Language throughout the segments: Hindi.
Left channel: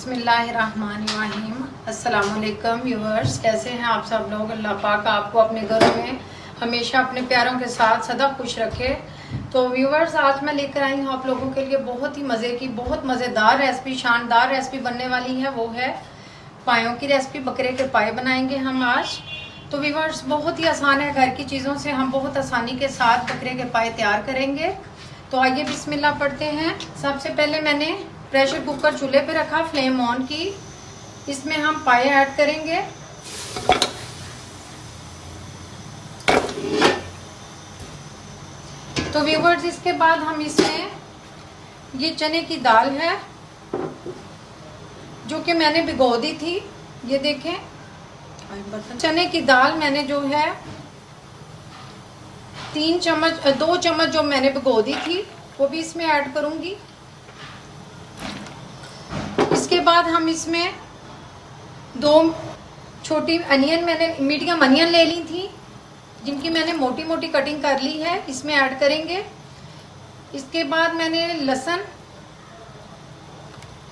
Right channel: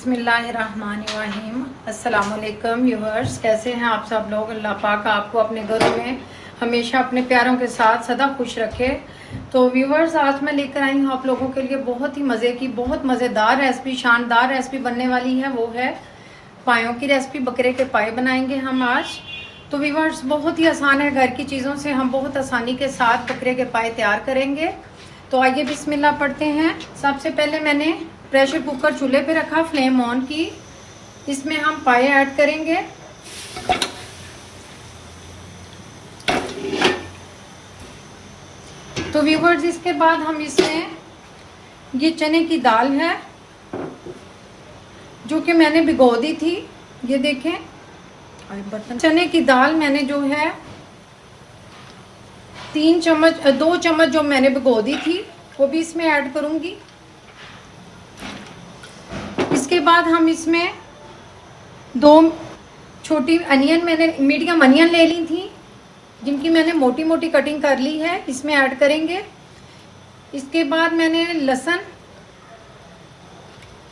बिस्मिल्लाहिर्रहमानिर्रहीम। अस्सलाम वालेकुम व्यूअर्स, कैसे हैं आप सब लोग। अल्लाह पाक आपको अपने घरों में हमेशा अपने प्यारों के साथ सदा खुश रखे। तो व्यूअर्स, आज मैं लेकर आई हूँ आप लोगों के लिए बहुत ही मज़े की, बहुत मज़ेदार रेसिपी, शानदार रेसिपी बनने वाली है। वो है पायों की रेसिपी। बकरे के पाए बनाएंगे हम आज। तो व्यूअर्स, बहुत ही आसान है, घर की चीज़ों से हम बहुत आसानी के साथ बकरे के पाए तैयार करेंगे। तो आइए बिस्मिल्लाह पढ़ते हैं। सबसे पहले मैंने प्रेशर कुकर चूल्हे पे रखा, फ्लेम ऑन की। इसमें हम पाए ऐड करेंगे। तो व्यूअर्स, इसके बाद हम इसमें ये चने की दाल है जो कि मैंने भिगो दी थी। ये देखें, चने की दाल मैंने जो है 2 चम्मच जो मैंने भिगो दी थी वो भी इसमें ऐड करूंगी। इसके बाद हम इसमें 2 छोटी अनियन, मैंने मीडियम अनियन ले ली थी जिनकी मैंने मोटी मोटी कटिंग कर ली है, इसमें ऐड करेंगे। इसके बाद मैंने लहसुन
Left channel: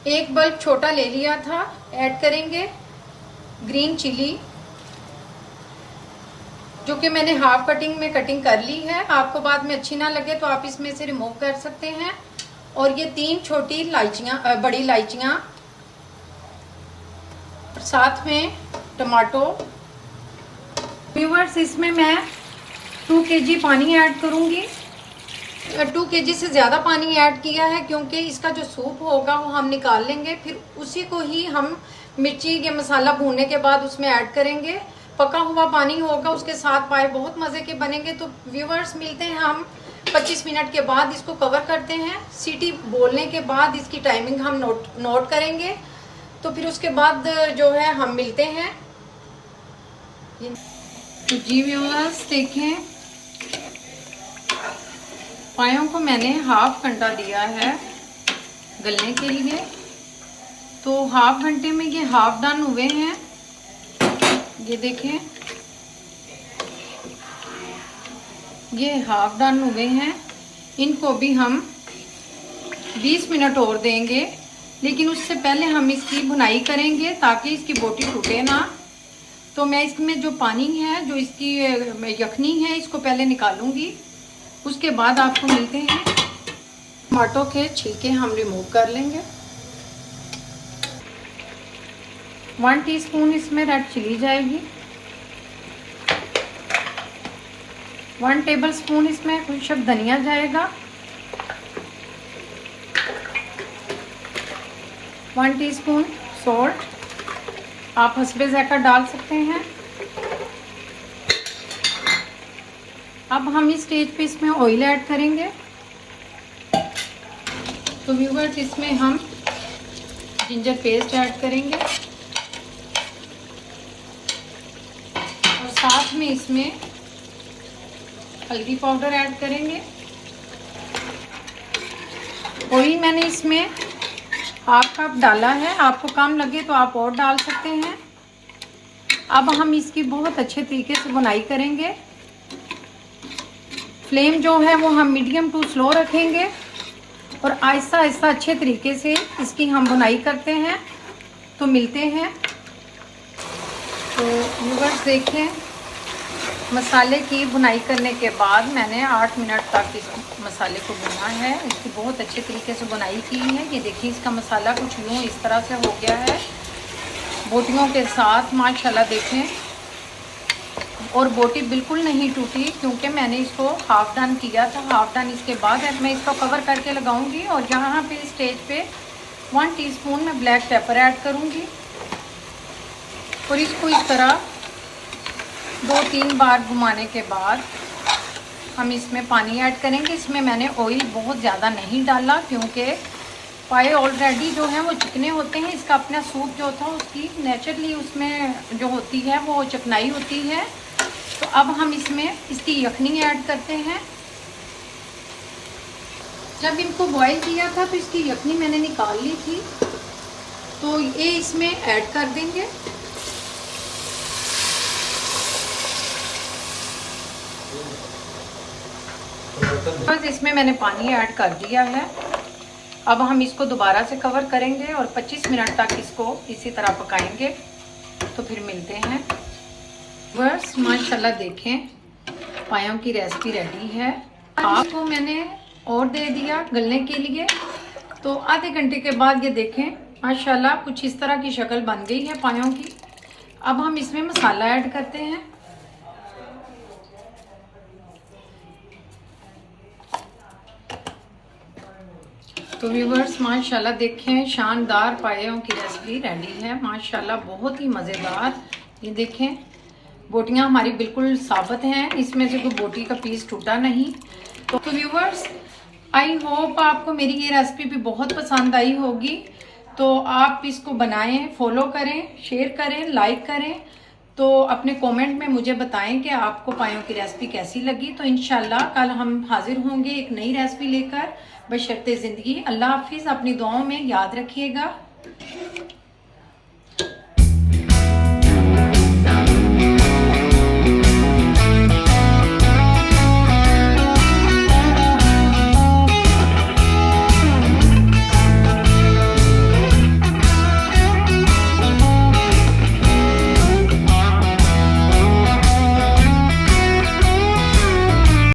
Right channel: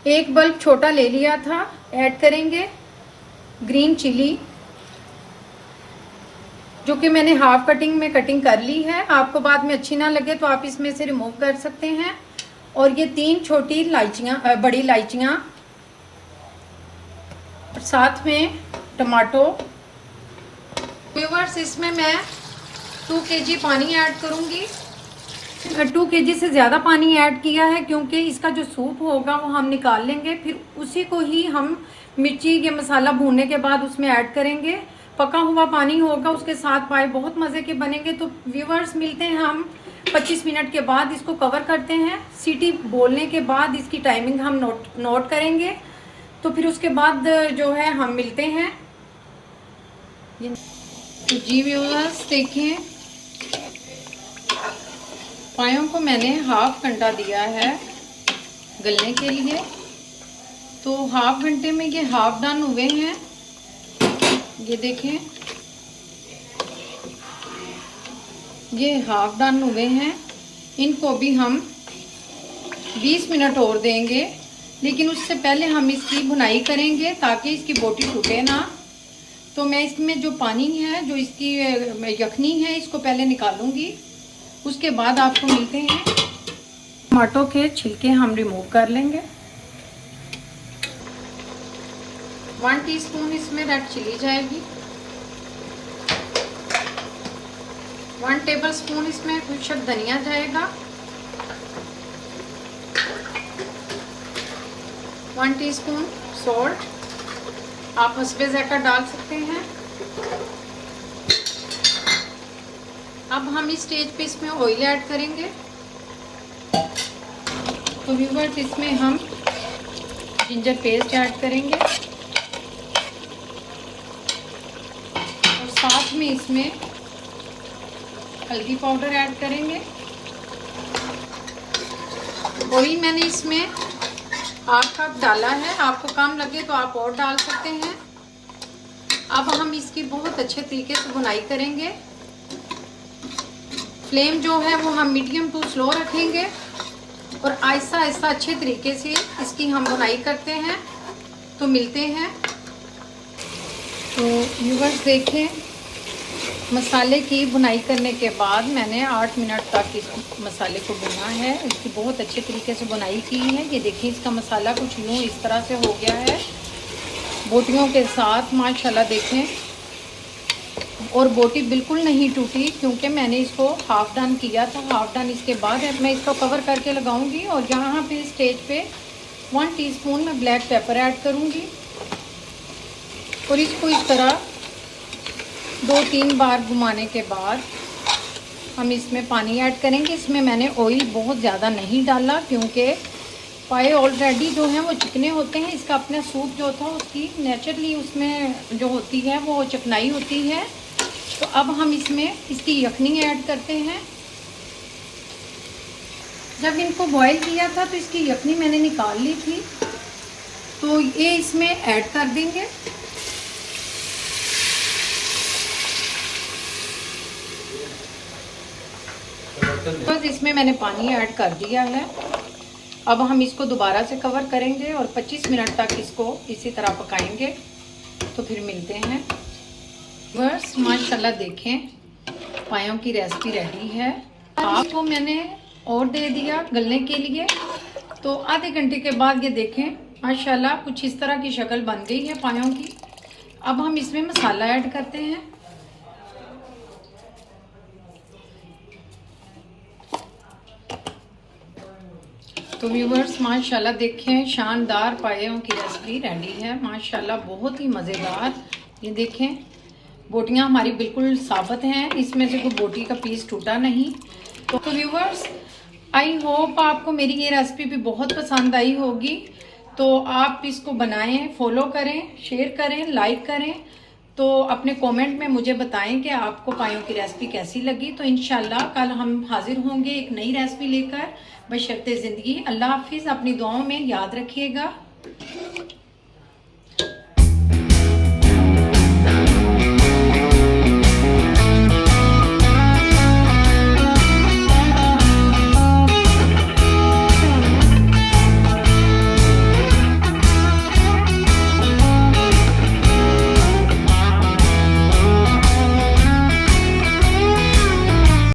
1 बल्ब छोटा ले लिया था, ऐड करेंगे। ग्रीन चिली जो कि मैंने हाफ कटिंग में कटिंग कर ली है, आपको बाद में अच्छी ना लगे तो आप इसमें से रिमूव कर सकते हैं। और ये 3 छोटी इलायचियां, बड़ी इलायचियां, साथ में टमाटो। व्यूअर्स, इसमें मैं 2 kg पानी ऐड करूंगी। 2 kg से ज्यादा पानी ऐड किया है क्योंकि इसका जो सूप होगा वो हम निकाल लेंगे, फिर उसी को ही हम मिर्ची ये मसाला भूनने के बाद उसमें ऐड करेंगे। पका हुआ पानी होगा, उसके साथ पाए बहुत मजे के बनेंगे। तो व्यूअर्स, मिलते हैं हम 25 मिनट के बाद। इसको कवर करते हैं। सीटी बोलने के बाद इसकी टाइमिंग हम नोट करेंगे। तो फिर उसके बाद जो है हम मिलते हैं। तो जी व्यूअर्स, देखें, पायों को मैंने हाफ घंटा दिया है गलने के लिए। तो हाफ घंटे में ये हाफ डन हुए हैं। ये देखें, ये हाफ डन हुए हैं। इनको भी हम 20 मिनट और देंगे, लेकिन उससे पहले हम इसकी भुनाई करेंगे ताकि इसकी बोटी टूटे ना। तो मैं इसमें जो पानी है, जो इसकी यखनी है, इसको पहले निकालूंगी। उसके बाद आपको मिलते हैं। टमाटो के छिलके हम रिमूव कर लेंगे। 1 टीस्पून इसमें रेड चिली जाएगी। 1 टेबलस्पून इसमें खुशक धनिया जाएगा। 1 टीस्पून सॉल्ट, आप हस्बे ज़ायका डाल सकते हैं। अब हम इस स्टेज पे इसमें ऑयल ऐड करेंगे। तो व्यूअर्स, इसमें हम जिंजर पेस्ट ऐड करेंगे और साथ में इसमें हल्दी पाउडर ऐड करेंगे। ऑयल मैंने इसमें हाफ कप डाला है, आपको कम लगे तो आप और डाल सकते हैं। अब हम इसकी बहुत अच्छे तरीके से बुनाई करेंगे। फ्लेम जो है वो हम मीडियम टू स्लो रखेंगे और आहिस्ता आहिस्ता अच्छे तरीके से इसकी हम बुनाई करते हैं। तो मिलते हैं। व्यूअर्स, देखें, मसाले की बुनाई करने के बाद मैंने 8 मिनट तक इस मसाले को भुना है। इसकी बहुत अच्छे तरीके से बुनाई की है। ये देखिए, इसका मसाला कुछ यूँ इस तरह से हो गया है बोटियों के साथ, माशाल्लाह। देखें, और बोटी बिल्कुल नहीं टूटी क्योंकि मैंने इसको हाफ डन किया था। हाफ डन इसके बाद मैं इसको कवर करके लगाऊंगी और यहाँ पे स्टेज पे 1 टीस्पून में ब्लैक पेपर ऐड करूंगी और इसको इस तरह 2-3 बार घुमाने के बाद हम इसमें पानी ऐड करेंगे। इसमें मैंने ऑयल बहुत ज़्यादा नहीं डाला क्योंकि पाए ऑलरेडी जो है वो चिकने होते हैं। इसका अपना सूप जो था उसकी नेचुरली उसमें जो होती है वो चिकनाई होती है। तो अब हम इसमें इसकी यखनी ऐड करते हैं। जब इनको बॉईल किया था तो इसकी यखनी मैंने निकाल ली थी, तो ये इसमें ऐड कर देंगे। बस इसमें मैंने पानी ऐड कर दिया है। अब हम इसको दोबारा से कवर करेंगे और 25 मिनट तक इसको इसी तरह पकाएंगे। तो फिर मिलते हैं। बस माशाल्लाह देखें पायों की रेसिपी रेडी है। आपको मैंने और दे दिया गलने के लिए। तो आधे घंटे के बाद ये देखें माशाल्लाह कुछ इस तरह की शक्ल बन गई है पायों की। अब हम इसमें मसाला ऐड करते हैं। तो व्यूवर्स माशाल्लाह देखें शानदार पायों की रेसिपी रेडी है माशाल्लाह, बहुत ही मज़ेदार। ये देखें बोटियां हमारी बिल्कुल साबित हैं, इसमें से कोई बोटी का पीस टूटा नहीं। तो व्यूवर्स आई होप आपको मेरी ये रेसिपी भी बहुत पसंद आई होगी। तो आप इसको बनाएं, फॉलो करें, शेयर करें, लाइक करें। तो अपने कमेंट में मुझे बताएं कि आपको पायों की रेसिपी कैसी लगी। तो इंशाल्लाह कल हम हाजिर होंगे एक नई रेसिपी लेकर। बशर्ते जिंदगी। अल्लाह हाफिज। अपनी दुआओं में याद रखिएगा।